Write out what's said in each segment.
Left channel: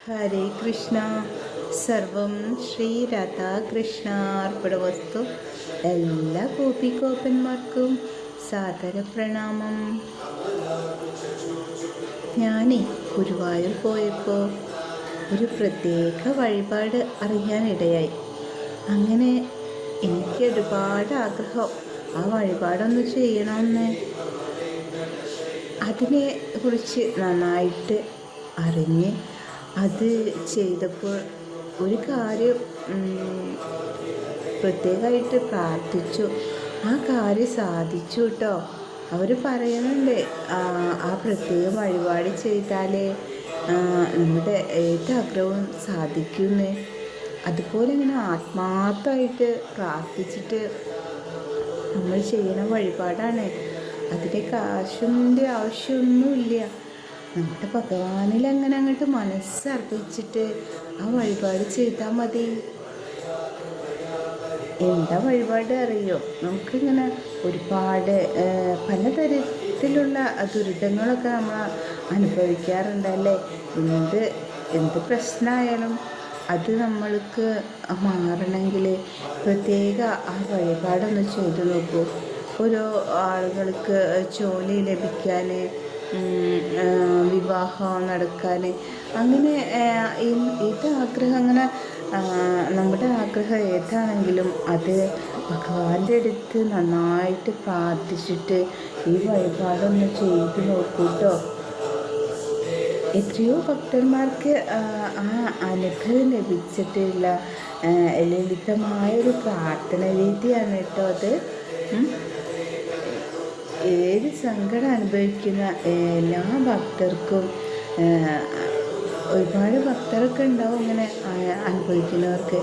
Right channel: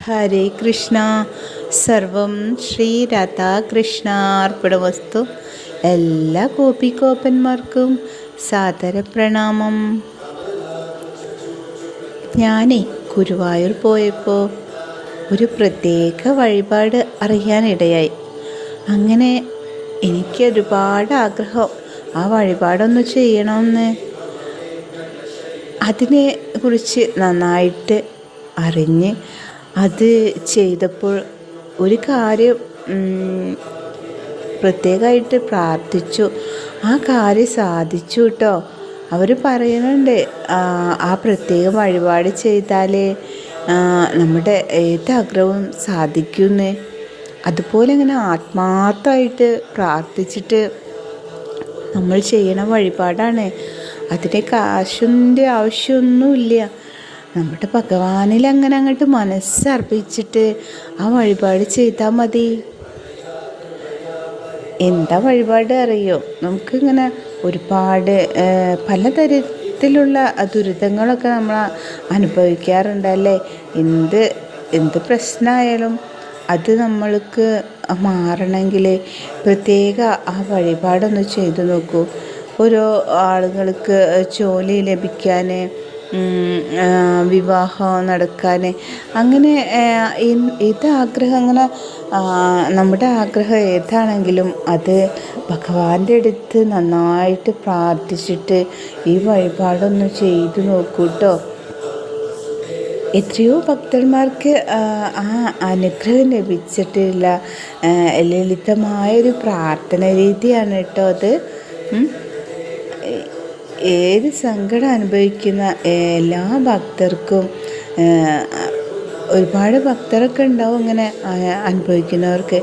ഹരേ കൃഷ്ണ. സർവം ശ്രീ രാധാകൃഷ്ണാർപ്പിടവസ്തു എല്ലാ ഗോപികോപ്പന്മാർക്കും സാദര പ്രണാമം ഞാനേ ഗുരുവായൂർ പോയപ്പോൾ ഒരു പ്രത്യേക വഴിപാട് അറിയാനിടയായി. അങ്ങനെ എനിക്ക് ഒരുപാട് ആഗ്രഹം. ആ വഴിപാടൊന്ന് ചെയ്യണമെന്ന് അതിനെ കുറിച്ച് നന്നായിട്ട് അറിഞ്ഞ് അത് ചെയ്തപ്പോൾ ഒരു കാര്യം പ്രത്യേകമായിട്ട് പ്രാർത്ഥിച്ചു. ആ കാര്യം സാധിച്ചു കേട്ടോ അവർ പറയുന്നുണ്ട് ആ പ്രത്യേക വഴിപാട് ചെയ്താലേ നമ്മുടെ ഏത് ആഗ്രഹവും സാധിക്കുമെന്ന് അതുപോലെ ഇങ്ങനെ ആത്മാർത്ഥമായിട്ട് പ്രാർത്ഥിച്ചിട്ട് നമ്മൾ ചെയ്യണ വഴിപാടാണ്. അതിന് കാശിന്റെ ആവശ്യമൊന്നുമില്ല. നമ്മുടെ ഭഗവാനിൽ അങ്ങനെ അങ്ങോട്ട് മനസ്സർപ്പിച്ചിട്ട് ആ വഴിപാട് ചെയ്താൽ മതി. എന്താ വഴിപാട് അറിയോ? നമുക്കിങ്ങനെ ഒരുപാട് പലതരത്തിലുള്ള ദുരിതങ്ങളൊക്കെ നമ്മൾ അനുഭവിക്കാറുണ്ടല്ലേ എന്ത് എന്ത് പ്രശ്നമായാലും അത് നമ്മൾക്ക് മാറണമെങ്കിൽ പ്രത്യേക ആ വഴിപാടൊന്ന് ചെയ്തു നോക്കൂ. ഓരോ ആളുകൾക്ക് ജോലി ലഭിക്കാൻ വിവാഹം നടക്കാൻ. അങ്ങനെ ഏത് ആഗ്രഹങ്ങൾ നമ്മുടെ ആഗ്രഹം ഏതാണെങ്കിലും അത് ഭഗവാന്റെ അടുത്ത് നന്നായിട്ട് പ്രാർത്ഥിച്ചിട്ട് ഈ വഴിപാടൊന്ന് ചെയ്തു നോക്കൂട്ടോ. എത്രയോ ഭക്തന്മാർക്ക് ആ അനുഗ്രഹം ലഭിച്ചിട്ടില്ല. ലളിതമായൊരു പ്രാർത്ഥന രീതിയാണ് കേട്ടോ അത്. ഏത് സങ്കടം അനുഭവിക്കുന്ന എല്ലാ ഭക്തർക്കും ഒരുപാട് ഭക്തരൊക്കെ ഉണ്ടാവും ഇങ്ങനെ അനുഭവിക്കുന്നവർക്ക്.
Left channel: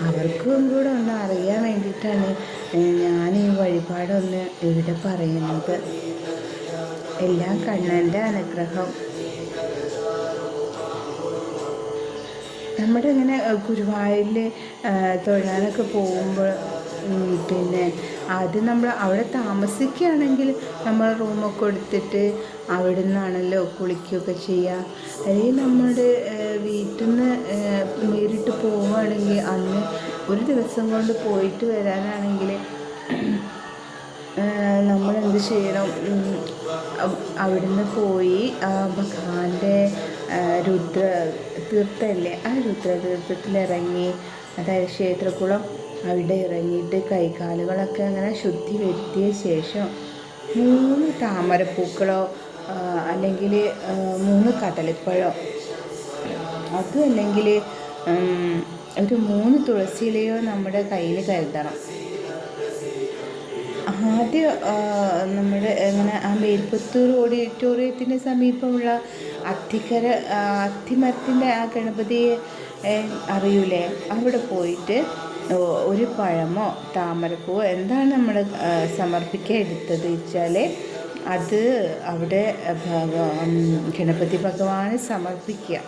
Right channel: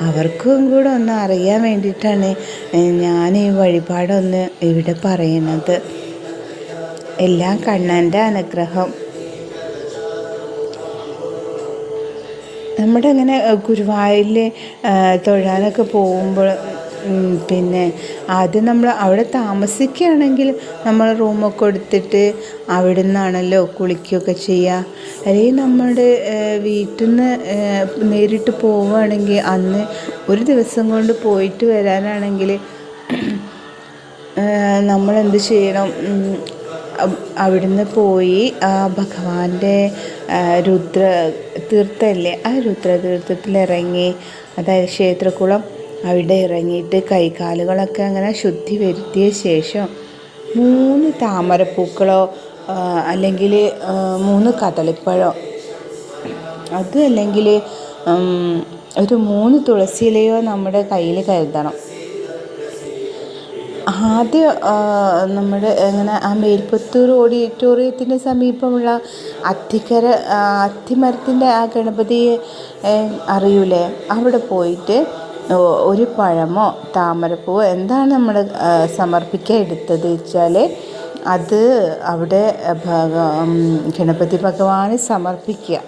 അവർക്കും കൂടെ ഒന്ന് അറിയാൻ വേണ്ടിയിട്ടാണ് ഞാൻ ഈ വഴിപാടൊന്ന് ഇവിടെ പറയുന്നത്. എല്ലാം കണ്ണന്റെ അനുഗ്രഹം. നമ്മുടെ അങ്ങനെ ഗുരുവായൂരിൽ തൊഴാനൊക്കെ പോകുമ്പോൾ പിന്നെ ആദ്യം നമ്മൾ അവിടെ താമസിക്കുകയാണെങ്കിൽ നമ്മൾ റൂമൊക്കെ എടുത്തിട്ട് അവിടെ നിന്നാണല്ലോ കുളിക്കുകയൊക്കെ ചെയ്യുക. അല്ലെങ്കിൽ നമ്മുടെ വീട്ടിൽ നിന്ന് നേരിട്ട് പോവുകയാണെങ്കിൽ അന്ന് ഒരു ദിവസം കൊണ്ട് പോയിട്ട് വരാനാണെങ്കിൽ നമ്മൾ എന്ത് ചെയ്യണം? അവിടുന്ന് പോയി ആ ഭഗവാന്റെ രുദ്ര തീർത്ഥമല്ലേ ആ രുദ്ര തീർത്ഥത്തിൽ ഇറങ്ങി അതായത് ക്ഷേത്രക്കുളം അവിടെ ഇറങ്ങിയിട്ട് കൈകാലുകളൊക്കെ അങ്ങനെ ശുദ്ധി വരുത്തിയ ശേഷം മൂന്ന് താമരപ്പൂക്കളോ അല്ലെങ്കിൽ മൂന്ന് കദളിപ്പഴോ അത് അല്ലെങ്കിൽ ഒരു മൂന്ന് തുളസിയിലയോ നമ്മുടെ കയ്യിൽ കരുതണം. ആദ്യം നമ്മുടെ എങ്ങനെ ആ മേൽപ്പത്തൂർ ഓഡിറ്റോറിയത്തിന്റെ സമീപമുള്ള അത്തിക്കര അത്തിമരത്തിന്റെ ആ ഗണപതിയെ അറിയൂലേ? അവിടെ പോയിട്ട് ഒരു പഴമോ താമരപ്പൂവോ എന്താണ് നമ്മൾ സമർപ്പിക്കാൻ എടുത്തത് വെച്ചാൽ അത് അവിടെ ഗണപതി ഭഗവാന് സമർപ്പിക്കുക.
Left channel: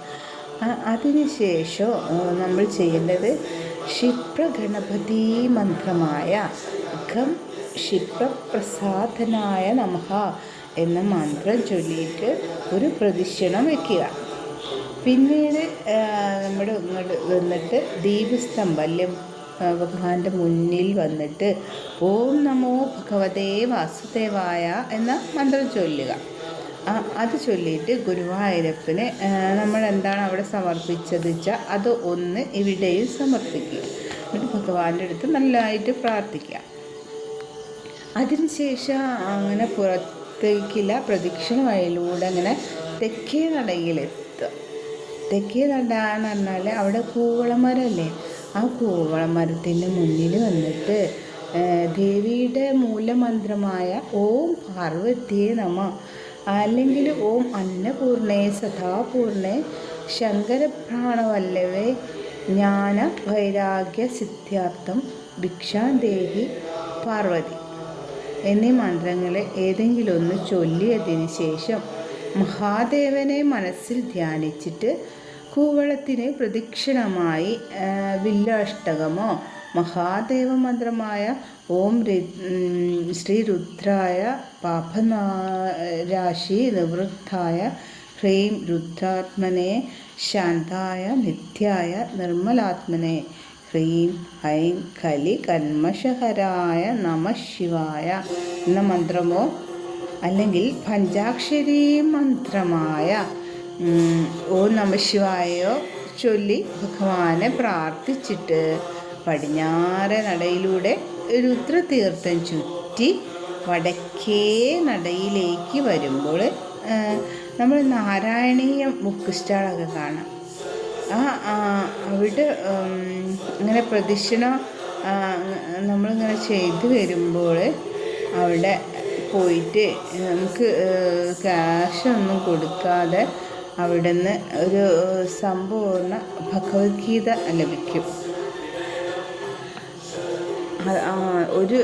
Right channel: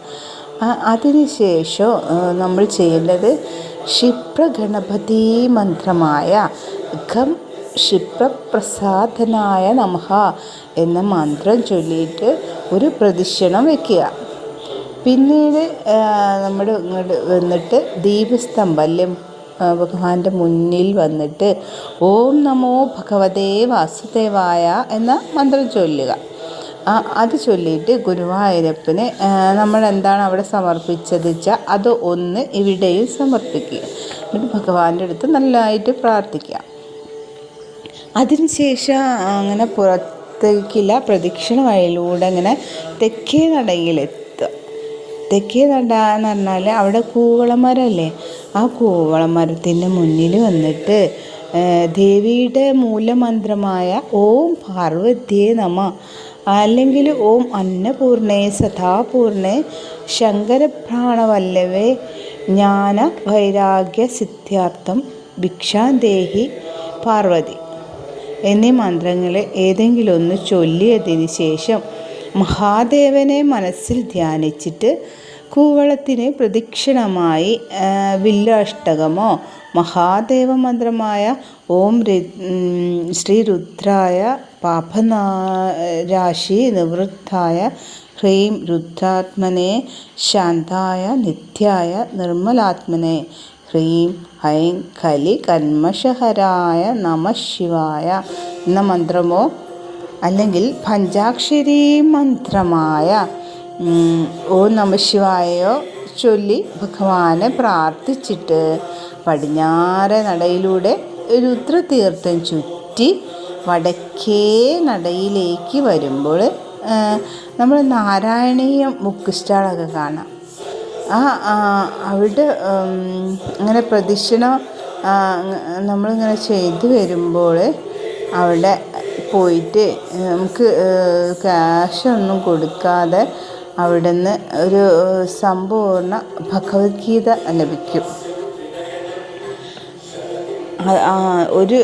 അതിനുശേഷം നമ്മൾ ചെയ്യേണ്ടത് ക്ഷിപ്രഗണപതി മന്ത്രമായ ഖം ക്ഷിപ്രപ്രസാദനായ നമഹ എന്ന മന്ത്രം ചൊല്ലിയിട്ട് ഒരു പ്രദക്ഷിണം വയ്ക്കുക പിന്നീട് നമ്മുടെ ഇങ്ങോട്ട് വന്നിട്ട് ദീപസ്തംഭം ഭഗവാന്റെ മുന്നിൽ വന്നിട്ട് ഓം നമോ ഭഗവതേ വാസുദേവായ എന്ന മന്ത്രം ചൊല്ലുക. അത് ചൊല്ലിയിട്ട് ഗുരുവായൂരപ്പന് നമ്മൾ എന്താണ് അവിടെ സമർപ്പിച്ചത് വെച്ചാൽ അത് ഒന്ന് ഇവിടെയും സമർപ്പിക്കുക. എന്നിട്ട് ഭഗവാന്റെ അടുത്ത് നല്ലതായിട്ട് പ്രാർത്ഥിക്കുക. അതിനുശേഷം അങ്ങനെ പുറത്തേക്കില്ല പ്രദക്ഷിണ വഴിയിലൂടെ അങ്ങനെ തെക്കേ നടയിലെത്തുക തെക്കേ നട എന്ന് പറഞ്ഞാൽ അവിടെ കൂവളമരമല്ലേ ആ കൂവളമരത്തിന്റെ മുന്നിൽ വന്നിട്ട് ദേവിയുടെ മൂലമന്ത്രമായ ഓം പാർവതിയെ നമ. അല്ലെങ്കിൽ ഓം അന്നപൂർണേ സദാപൂർണേ ശങ്കരപ്രാണവല്ലവേ. ജ്ഞാന വൈരാഗ്യ സിദ്ധാർത്ഥം ഭിക്ഷാദേഹി പാർവതി. എന്നീ മന്ത്രങ്ങളെ ഏതെങ്കിലും ഒന്ന് ചൊല്ലിയതിന് ശേഷം മഹാദേവനെ മനസ്സിൽ ധ്യാനിച്ചിട്ട് കൂവളത്തിന് പ്രദക്ഷിണമായി വില്ലാഷ്ടകമോ മഹാദേവ മന്ത്രമായ ഓം ശ്രീ രുദ്രായ പാപനാരാശി നിവൃത്തായ ഹ്രീം രുദ്രാത്മനെ ശാന്തായ നിത്യായ നിർമ്മലാത്മനെ ഹ്രീം ഹൈം കലി കന്മഷഹരായ നമ ശിവായ. എന്ന മന്ത്രമോ അല്ലെങ്കിൽ പഞ്ചാക്ഷരി മന്ത്രമായ ഓ നമ ശിവായോ ചൊല്ലി ഭഗവാനെ പ്രാർത്ഥിച്ചിട്ട് പടിഞ്ഞാറെ നടയിലൂടെ രുദ്രതീർത്ഥം ചുറ്റി വടക്കേ നടയിലേക്ക് വരുമ്പോൾ നമ്മൾ നാരായണീയം ബുക്ക് സ്റ്റാളൊക്കെ കാണാം. ആ അവിടെ അങ്ങനെ പ്രദക്ഷിണം നമ്മളിങ്ങനെ ചെയ്ത് വരുമ്പോൾ അവിടെ പോയിട്ട് നമുക്ക് ക്യാഷൊന്നും കൊടുക്കാതെ അവിടുന്ന് ഒരു സമ്പൂർണ ഭഗവത്ഗീത ലഭിക്കും. ഒരു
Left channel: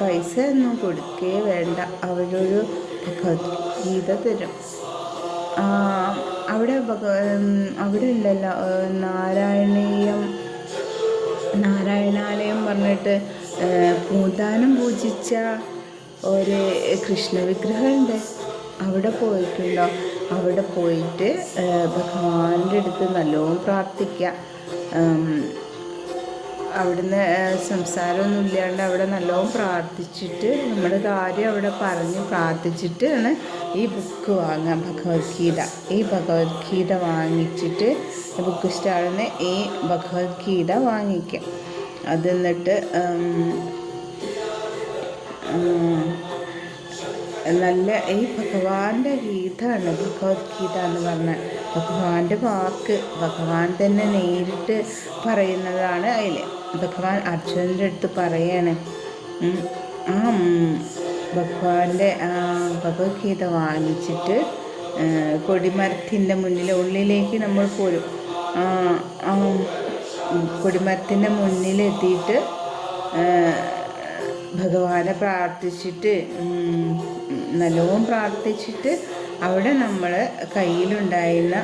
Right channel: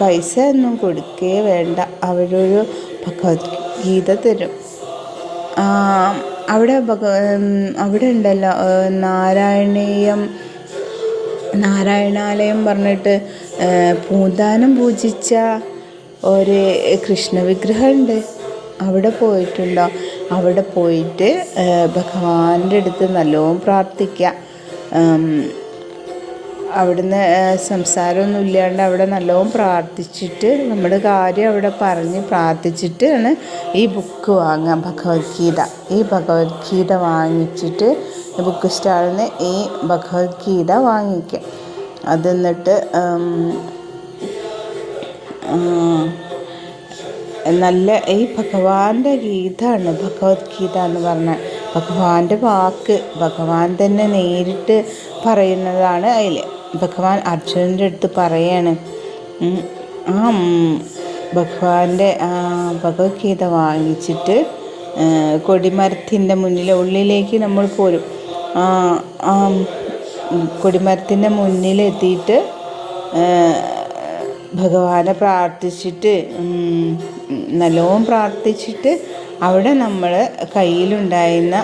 പൈസ ഒന്നും കൊടുക്കേ വേണ്ട. അവരൊരു ഭഗവത്ഗീത തരും. അവിടെ ഭഗ അവിടെ ഉണ്ടല്ലോ നാരായണീയം നാരായണാലയം പറഞ്ഞിട്ട് പൂന്താനം പൂജിച്ച ഒരു കൃഷ്ണ വിഗ്രഹമുണ്ട് അവിടെ പോയിട്ടുണ്ടോ? അവിടെ പോയിട്ട് ഭഗവാന്റെ അടുത്ത് നല്ലോണം പ്രാർത്ഥിക്കുക അവിടുന്ന് സംസാരമൊന്നും ഇല്ലാണ്ട് അവിടെ നല്ലോണം പ്രാർത്ഥിച്ചിട്ട് നമ്മുടെ കാര്യം അവിടെ പറഞ്ഞ് പ്രാർത്ഥിച്ചിട്ട് ആണ് ഈ ബുക്ക് വാങ്ങുക ഭഗവത്ഗീത. ഈ ഭഗവത്ഗീത വാങ്ങിച്ചിട്ട് ബുക്ക് സ്റ്റാളിൽ നിന്ന് ഈ ഭഗവത്ഗീത വാങ്ങിക്കുക അത് എന്നിട്ട് നല്ല ഈ ഭഗവാന്റെ ഗീതമാണ് ഭഗവത്ഗീത എന്ന് പറഞ്ഞാൽ ഭഗവാന്റെ വാക്ക് ഭഗവാൻ തന്നെ നേരിട്ട് പറയുന്നതാണ് അതിൽ ഭഗവാൻ അർജുനന്റെ അടുത്ത് പറയാണ് ആ ഭഗവാന്റെ ഭഗവത്ഗീത വാങ്ങിച്ചിട്ട് കൊടിമരത്തിന്റെ മുന്നിൽ ഉള്ളിലേക്ക് നമ്മൾ പോരും. കൊടിമരത്തിന്റെ മുന്നിലെത്തിയിട്ട് ഭഗവാനെ പ്രാർത്ഥിച്ചിട്ട് നല്ലോണം പ്രാർത്ഥിച്ചിട്ട് അവിടെ നമ്മൾ കയ്യിലുണ്ടായിരുന്ന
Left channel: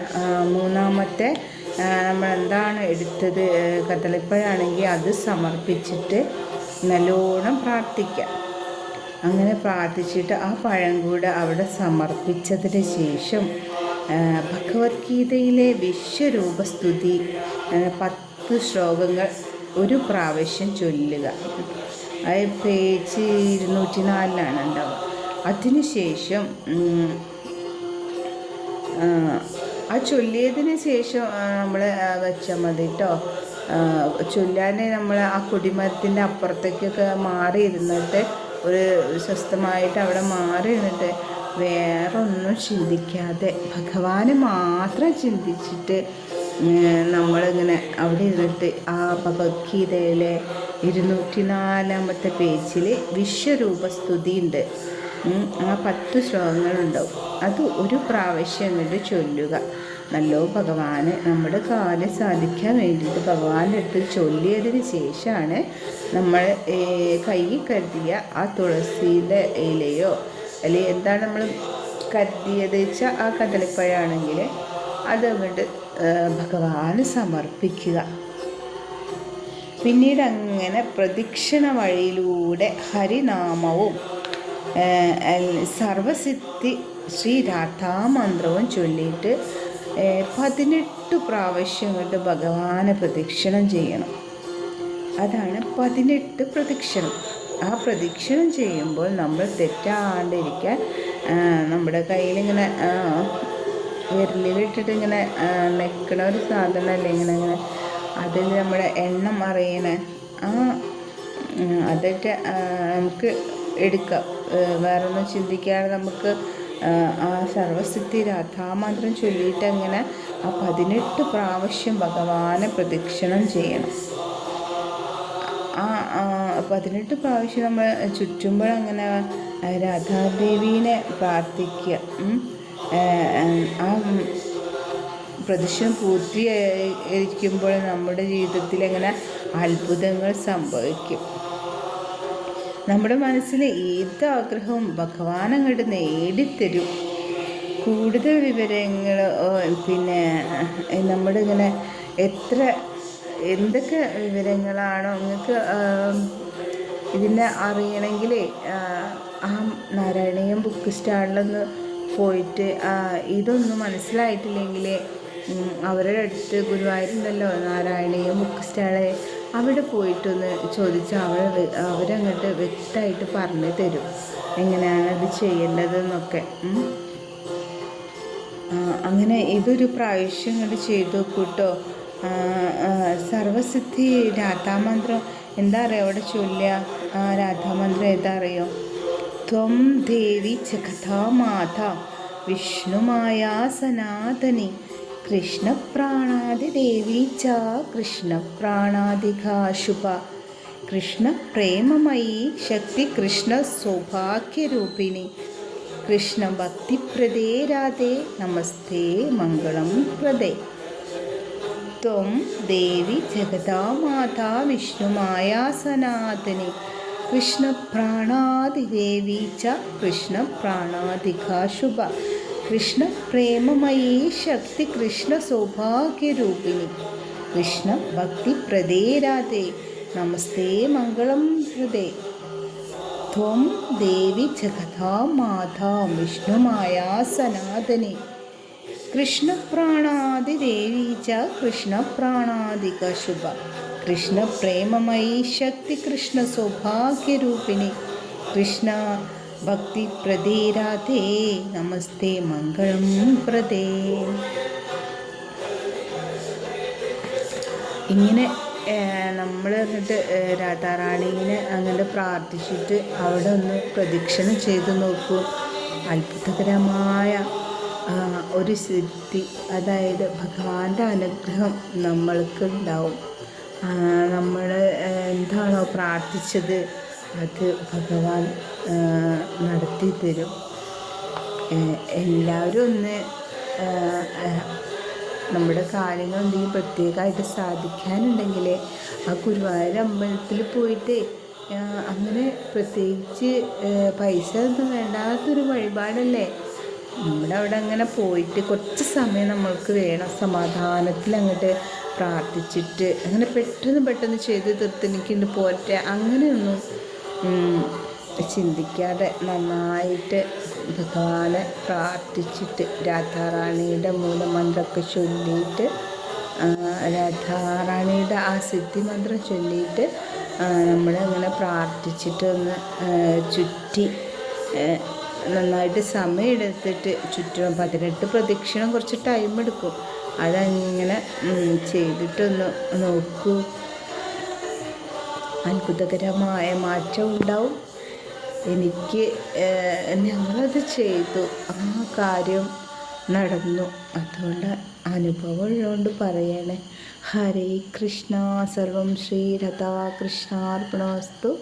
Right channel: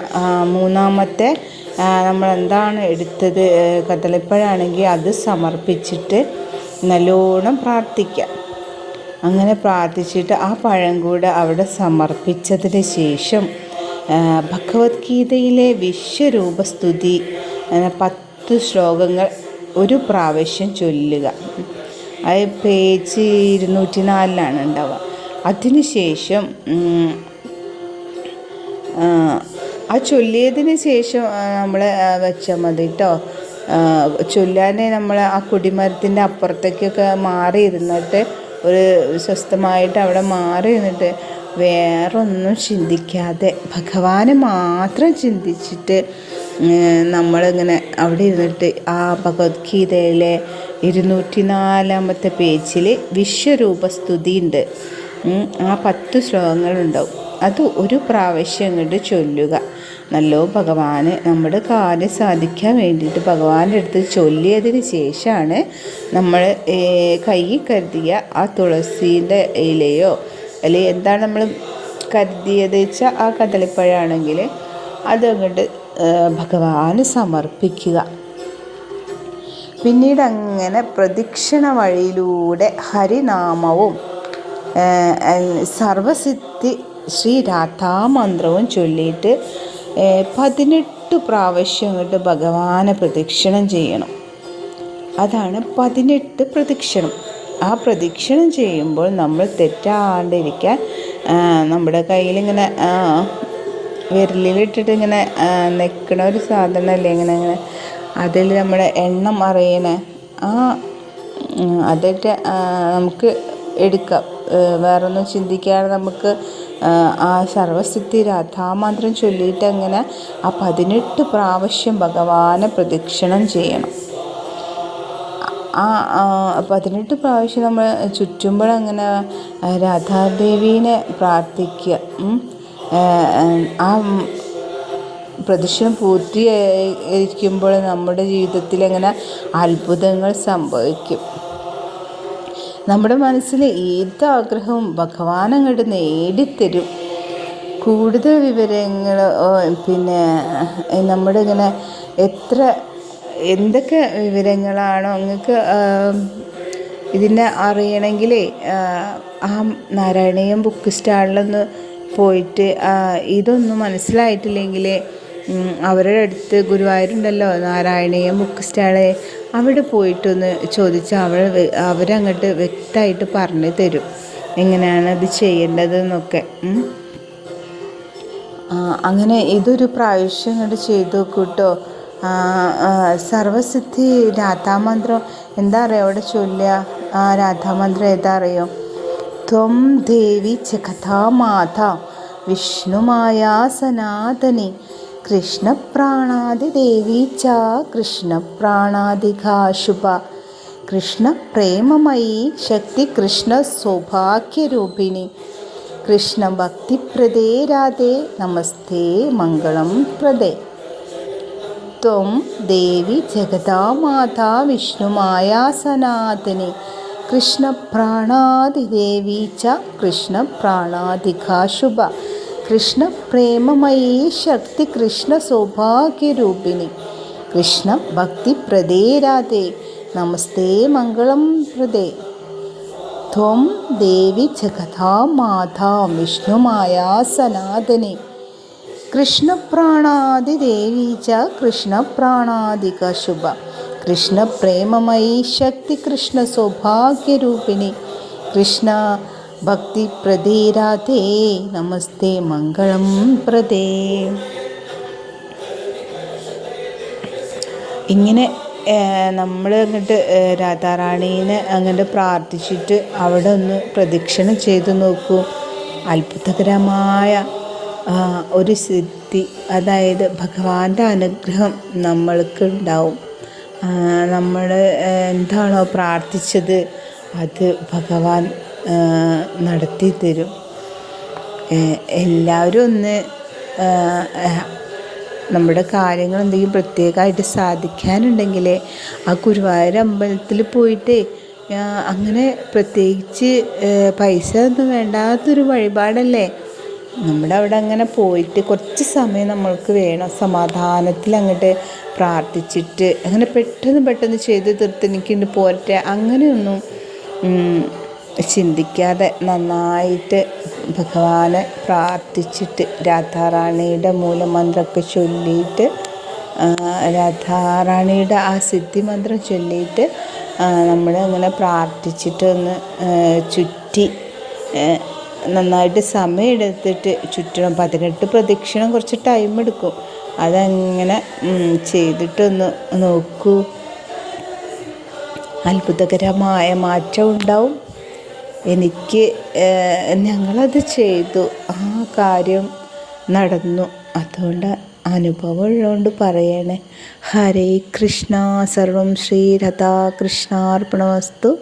മൂന്നാമത്തെ നമ്മൾ എന്താണ് എടുത്തത് കദളിപ്പഴമാണെങ്കിൽ അത് സമർപ്പിച്ചിട്ട് നല്ലോണം പ്രാർത്ഥിക്കാം. അങ്ങനെ പ്രാർത്ഥിച്ചിട്ട് ആ പഴം കൂടെ അവിടെ സമർപ്പിച്ചതിന് ശേഷം ഭഗവത്ഗീതയിലെ വിശ്വരൂപസ്തുതി പത്ത് ശ്ലോകങ്ങൾ ഒരു പ്രാവശ്യം ചൊല്ലുക. അത് പേജ് ഇരുന്നൂറ്റി നാലിലാണ് ഉണ്ടാവുക. അതിനുശേഷം ആ ചൊല്ലിയതിന് ശേഷം നമ്മൾ വെച്ചാൽ മതി കേട്ടോ ചൊല്ലാനെ നമ്മൾ ആ കുടിമരത്തിന്റെ അപ്പുറത്തേക്കൊക്കെ മാറി ഇരുന്നിട്ട് ഒരു സ്വസ്ഥമായിട്ട് അവിടെ മാറി ഇരുന്നിട്ട് വേറൊന്നും ചിന്തിക്കാതെ ഭഗവാനെ മാത്രം ചിന്തിച്ചിട്ട് നമ്മളിങ്ങനെ അവിടെ ഇരുന്നിട്ട് ആ ഭഗവത്ഗീതയിലെ ഇരുന്നൂറ്റി നാലാമത്തെ പേജിൽ വിശ്വരൂപസ്തുതിയുണ്ട് ആ പത്ത് ശ്ലോകങ്ങളുണ്ടാവും. അത് ഒരു പ്രാവശ്യം അങ്ങോട്ട് ചൊല്ലുക. നല്ലോ ഭഗവാന് നമ്മുടെ കാര്യം സാധിക്കാൻ വേണ്ടിയിട്ട് ഭഗവാന്റെ അടുത്ത് ചൊല്ലിയതിന് ശേഷമാണ് നമ്മൾ കയ്യിൽ കരുതിയ ആ തുളസീന്റെ ഇലയോ അല്ലെങ്കിൽ എന്താണ് നമ്മൾ കരുതിയത് വെച്ചാൽ ആ കദളിപ്പഴമാണെങ്കിൽ അതങ്ങോട്ട് ഭഗവാന് സമർപ്പിക്കുക. പിന്നീട് അങ്ങനെ പ്രദക്ഷിണ വഴിയിലൂടെ ഹരിനാമവും സർവസിദ്ധി ശ്രീ രാധാമന്ത്രവും ചൊല്ലിയിട്ട് പതിനെട്ട് പ്രാവശ്യം കൊണ്ട് ഭഗവാനെ പ്രദക്ഷിണം ചെയ്യണം. അതാണ് പതിനെട്ട് പ്രദക്ഷിണം. ആ പ്രദക്ഷിണം ചെയ്യുമ്പോൾ നമ്മൾ തെറ്റാണ്ടിരിക്കാൻ നമ്മുടെ കയ്യിലിങ്ങനെ വിരലിലിട്ടിട്ട് ഇങ്ങനെ നിൽക്കണ ഒരു സാധനമല്ലേ ഇങ്ങനെ ഇങ്ങനെ അതിൽ നമ്മുടെ എണ്ണം അറിയണ ആ അതൊക്കെ നമുക്ക് എടുക്കാം. വേറൊന്നും ചിന്തിക്കാതെ നമുക്ക് ആ സർവസിദ്ധി രാധാമന്ത്രം ചൊല്ലിയിട്ട് അങ്ങനെ ആ പതിനെട്ട് പ്രാവശ്യം ഭഗവാനെ പ്രദക്ഷിണം ചെയ്യണം. ആ പതിനെട്ട് പ്രാവശ്യം നമ്മൾ ചുറ്റുമ്പോഴങ്ങനെ രാധാദേവീനെ പ്രാർത്ഥിക്കുക. ആ പ്രദക്ഷിണം പൂർത്തീകരിക്കുമ്പോൾ നമ്മുടെ ജീവിതത്തിൽ എങ്ങനെ അത്ഭുതങ്ങൾ സംഭവിക്കും? നമ്മുടെ മനസ്സിൽ ഏത് ആഗ്രഹവും ഭഗവാൻ അങ്ങോട്ട് നേടിത്തരും. കൂടുതൽ വിവരങ്ങൾ പിന്നെ നമ്മുടെ ഇങ്ങനെ എത്ര എന്തൊക്കെ വിവരങ്ങളാണോ നിങ്ങൾക്ക് ഇതിനെ അറിയണമെങ്കിൽ ആ നാരായണീയം ബുക്ക് സ്റ്റാളിലൊന്ന് പോയിട്ട് ഇതൊന്നും മനസ്സിലായിട്ടില്ലെങ്കിൽ അവരുടെ അടുത്ത് ഗുരുവായൂരുണ്ടല്ലോ നാരായണീയ ബുക്ക് സ്റ്റാൾ അവിടെ പോയിട്ടൊന്ന് ചോദിച്ച് അവർ അവരങ്ങോട്ട് വ്യക്തമായിട്ട് പറഞ്ഞു തരും. എങ്ങനെയാണ് അത് ചെയ്യേണ്ടതെന്നൊക്കെ. അങ്ങനെ ഇതൊരു പ്രാവശ്യം ഇങ്ങോട്ട് ചെയ്തു കൂട്ടോ സർവസിദ്ധി രാധാമന്ത്രം. എന്താ അറിയോ അവിടെ ചൊല്ലുക? ആ രാധാമന്ത്രം ഏതാ അറിയോ? ത്വം ദേവി ജഗതാമാത വിഷ്ണുമായ സനാതനി. കൃഷ്ണപ്രാണാദി ദേവി ച കൃഷ്ണപ്രാണാദിഘാശുഭ. കൃഷ്ണ പ്രേമമയി ശക്തി കൃഷ്ണ സൗഭാഗ്യരൂപിണി. കൃഷ്ണ ഭക്തിപ്രദേ രാധേ നമസ്തേ മംഗളം പ്രദേ. ത്വം ദേവി ജഗതാമാതാ വിഷ്ണുമായാ സനാതനി. കൃഷ്ണപ്രാണാദിദേവി ച കൃഷ്ണപ്രാണാധികാശുഭ കൃഷ്ണപ്രേമമയീ ശക്തി കൃഷ്ണ സൗഭാഗ്യരൂപിണി. കൃഷ്ണ ഭക്തിപ്രദേ രാധേ നമസ്തേ മംഗളം പ്രദേ. ത്വം ദേവി ജഗതാ മാതാ വിഷ്ണുമായ സനാതനെ. കൃഷ്ണപ്രാണാദിദേവി ച കൃഷ്ണപ്രാണാദിക ശുഭ. കൃഷ്ണപ്രേമമയി ശക്തി കൃഷ്ണ സൗഭാഗ്യരൂപിണി. കൃഷ്ണ ഭക്തി പ്രദീരാധേ നമസ്തേ മംഗളം പ്രദേ. ഇങ്ങനെ നമ്മൾ അങ്ങോട്ട് രാധാറാണീനെ അങ്ങോട്ട് പ്രാർത്ഥിച്ചിട്ട് അവിടെ ഒന്ന് പ്രദക്ഷിണം ചെയ്തു നോക്കൂ. അത്ഭുതകരമായ ഒരു സിദ്ധി അതായത് ഭഗവാന്റെ അനുഗ്രഹം നമ്മൾക്ക് ഉണ്ടാവും. നമ്മൾ എന്താണോ പ്രാർത്ഥിച്ചത് അത് ഭഗവാൻ നടത്തി തരും. എല്ലാവരും ഒന്ന് നമ്മുടെ കാര്യങ്ങൾ എന്തെങ്കിലും പ്രത്യേകമായിട്ട് സാധിക്കാനുണ്ടെങ്കിൽ ആ ഗുരുവായൂർ അമ്പലത്തിൽ പോയിട്ട് അങ്ങനെ പ്രത്യേകിച്ച് പൈസ ഒന്നും വേണ്ടാത്തൊരു വഴിപാടല്ലേ? നമ്മുടെ അവിടെ അങ്ങനെ പോയിട്ട് കുറച്ച് സമയം നമ്മൾക്ക് വേണം സമാധാനത്തിൽ അങ്ങോട്ട് പ്രാർത്ഥിച്ചിട്ട് അങ്ങനെ പെട്ടെന്ന് പെട്ടെന്ന് ചെയ്ത് തീർത്ത് എനിക്കുണ്ട് പോരട്ടെ അങ്ങനെയൊന്നും ചിന്തിക്കാതെ നന്നായിട്ട് ഭഗവാനെ പ്രാർത്ഥിച്ചിട്ട് രാധാറാണിയുടെ മൂലമന്ത്രമൊക്കെ ചൊല്ലിയിട്ട് രാധാറാണിയുടെ ആ സിദ്ധി മന്ത്രം ചൊല്ലിയിട്ട് നമ്മൾ അങ്ങനെ പ്രാർത്ഥിച്ചിട്ട് ഒന്ന് ചുറ്റി നന്നായിട്ട് സമയമെടുത്തിട്ട് ചുറ്റണം. പതിനെട്ട് പ്രദക്ഷിണം കുറച്ച് ടൈം എടുക്കും. അതങ്ങനെ ചെയ്തിട്ടൊന്ന് നോക്കൂ. അത്ഭുതകരമായ മാറ്റം ഉണ്ടാവും. എനിക്ക് ഞങ്ങളത് ചെയ്തു. ആ കാര്യം നടന്നു. അതുകൊണ്ട് അനുഭവം ഉള്ളതുകൊണ്ട് പറയണേ. ഹരേ കൃഷ്ണ. സർവം ശ്രീ രാധാകൃഷ്ണാർപ്പണമസ്തു